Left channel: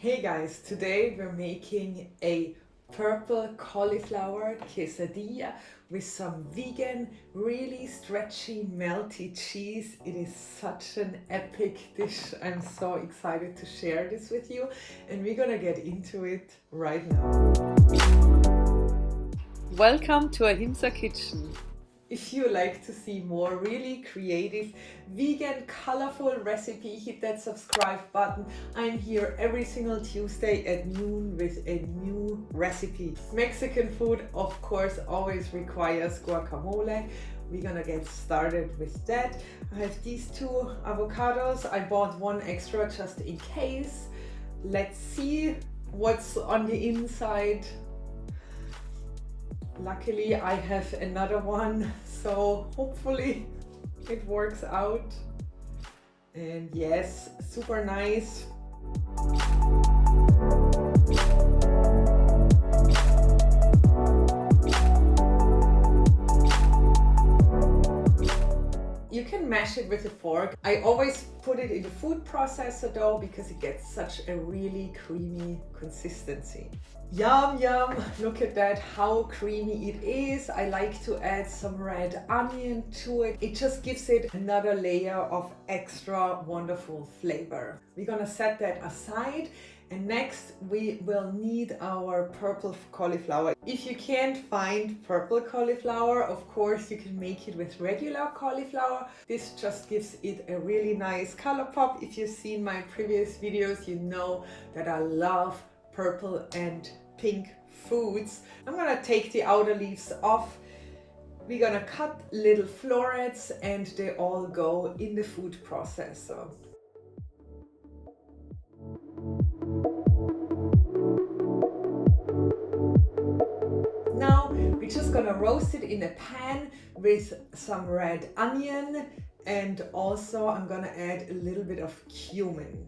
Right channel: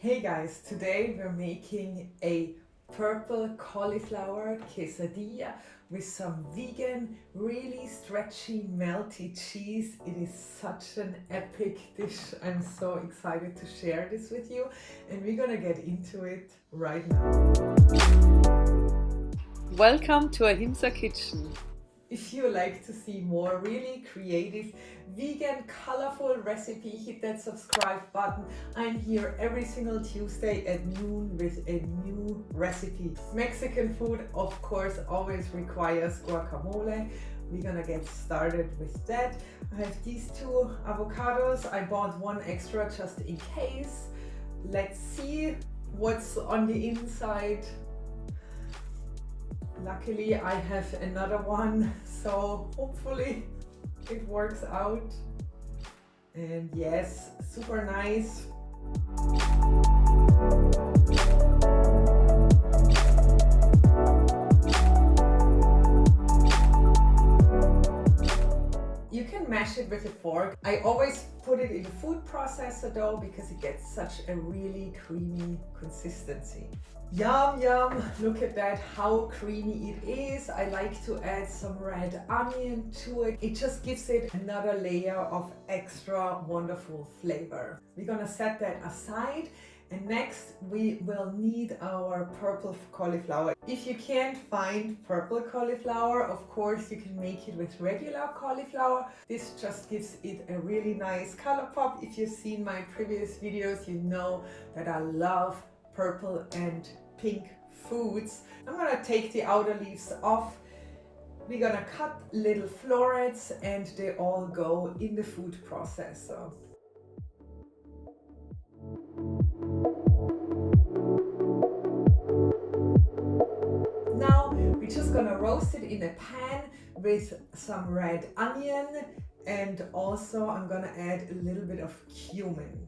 Hey guys, today we're making a purple cauliflower quesadilla with some vegan, really stretchy, melty cheese. It is such an epic dish. I'm so excited to share this with you, and we're gonna get into it right now. Welcome to Ahimsa Kitchen. If you like to see more really creative, vegan, colorful recipe, hit that subscribe button. I'm here every single Tuesday at noon with a new recipe. Mexican food, of course, always requires guacamole. We're gonna get started with that. I have these two avocados. I bought one extra just in case. Let's see what's on the inside. Luckily I have another one, so hopefully it works out. And yes, super nice. You can mash it with a fork. I always put it in the food processor though, because it gets such a really creamy consistency. Yum, yum, look at that, how creamy it is. I like to add some red onion to it. It just gives it another layer of extra wonderful flavor. We're gonna set that aside. And next we will need our purple cauliflower. If you can't find purple cauliflower, of course you can make it with regular cauliflower. This just gives it a really nice color pop. If you've seen my previous videos, you know that I love purple and pink foods. I'm gonna take the outer leaves off. We're gonna cut little florets and they all go in the food processor. Now we're just gonna roast it in a pan with some red onion, and also I'm gonna add a little bit of cumin.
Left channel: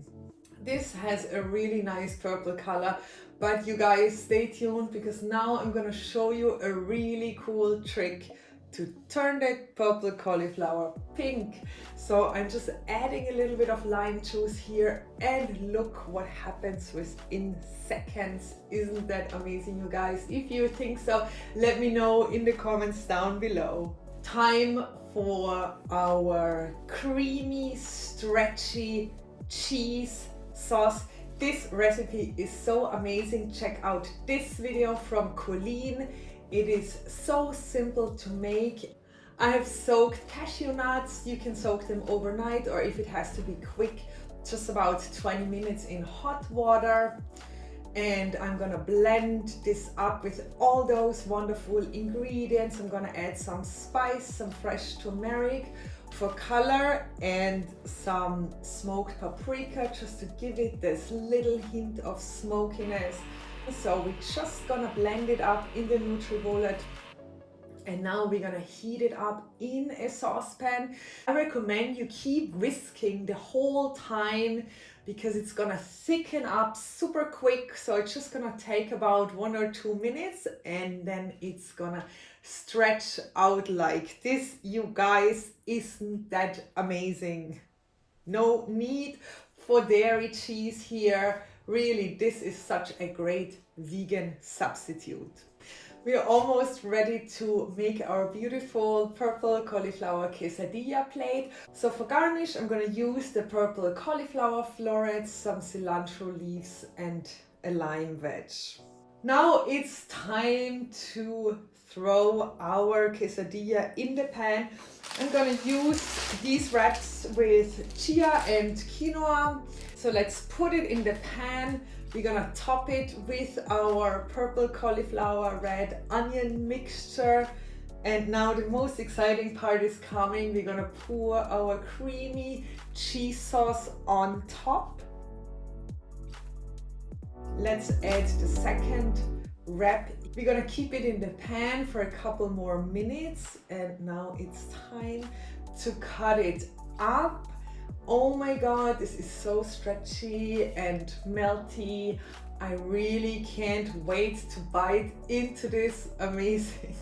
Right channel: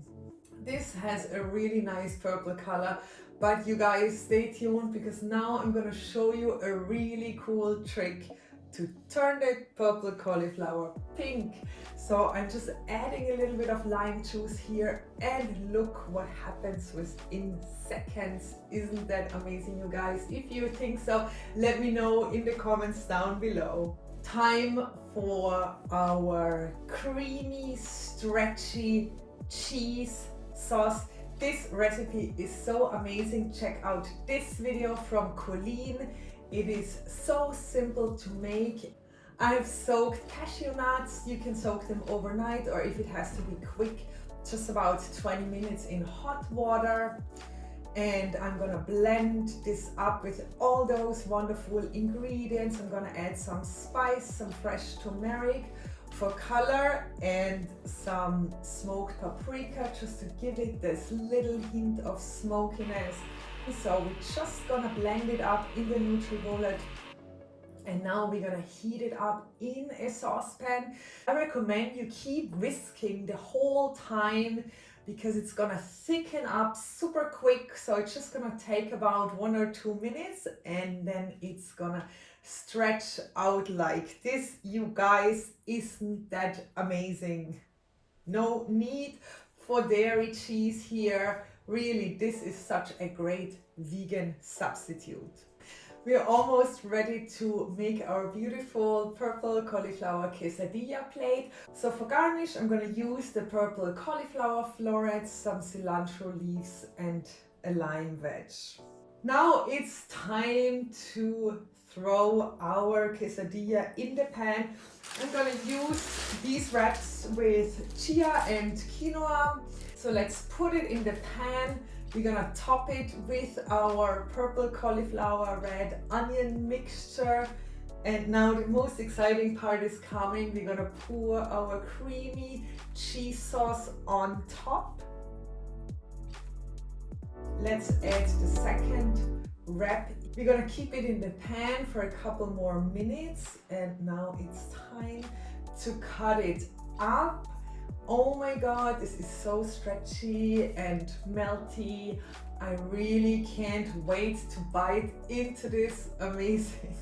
This has a really nice purple color, but you guys stay tuned because now I'm gonna show you a really cool trick to turn that purple cauliflower pink. So I'm just adding a little bit of lime juice here, and look what happens within seconds. Isn't that amazing, you guys? If you think so, let me know in the comments down below. Time for our creamy, stretchy cheese sauce. This recipe is so amazing. Check out this video from Colleen. It is so simple to make. I have soaked cashew nuts. You can soak them overnight, or if it has to be quick, just about 20 minutes in hot water. And I'm gonna blend this up with all those wonderful ingredients. I'm gonna add some spice, some fresh turmeric for color, and some smoked paprika just to give it this little hint of smokiness. So we're just gonna blend it up in the NutriBullet, and now we're gonna heat it up in a saucepan. I recommend you keep whisking the whole time because it's gonna thicken up super quick. So it's just gonna take about 1 or 2 minutes, and then it's gonna stretch out like this. You guys, isn't that amazing? No need for dairy cheese here. Really, this is such a great vegan substitute. We are almost ready to make our beautiful purple cauliflower quesadilla plate. So for garnish, I'm going to use the purple cauliflower florets, some cilantro leaves, and a lime wedge. Now it's time to throw our quesadilla in the pan. I'm going to use these wraps with chia and quinoa. So let's put it in the pan. We're gonna top it with our purple cauliflower red onion mixture. And now the most exciting part is coming. We're gonna pour our creamy cheese sauce on top. Let's add the second wrap. We're gonna keep it in the pan for a couple more minutes. And now it's time to cut it up. Oh my god, this is so stretchy and melty. I really can't wait to bite into this amazing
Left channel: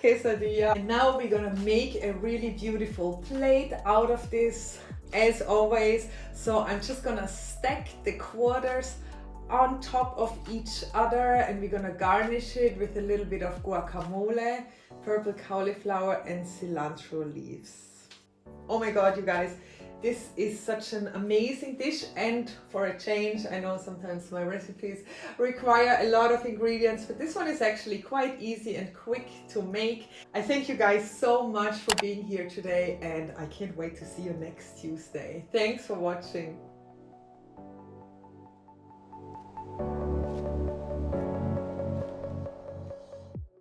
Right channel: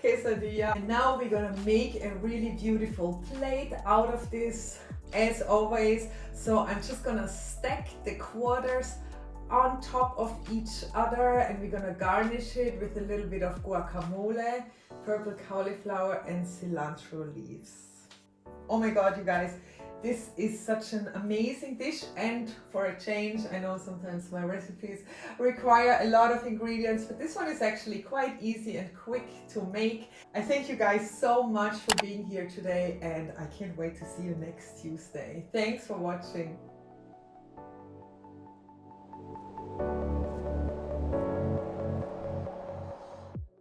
quesadilla. And now we're gonna make a really beautiful plate out of this, as always. So I'm just gonna stack the quarters on top of each other, and we're gonna garnish it with a little bit of guacamole, purple cauliflower and cilantro leaves. Oh my god, you guys, this is such an amazing dish, and for a change, I know sometimes my recipes require a lot of ingredients, but this one is actually quite easy and quick to make. I thank you guys so much for being here today, and I can't wait to see you next Tuesday. Thanks for watching.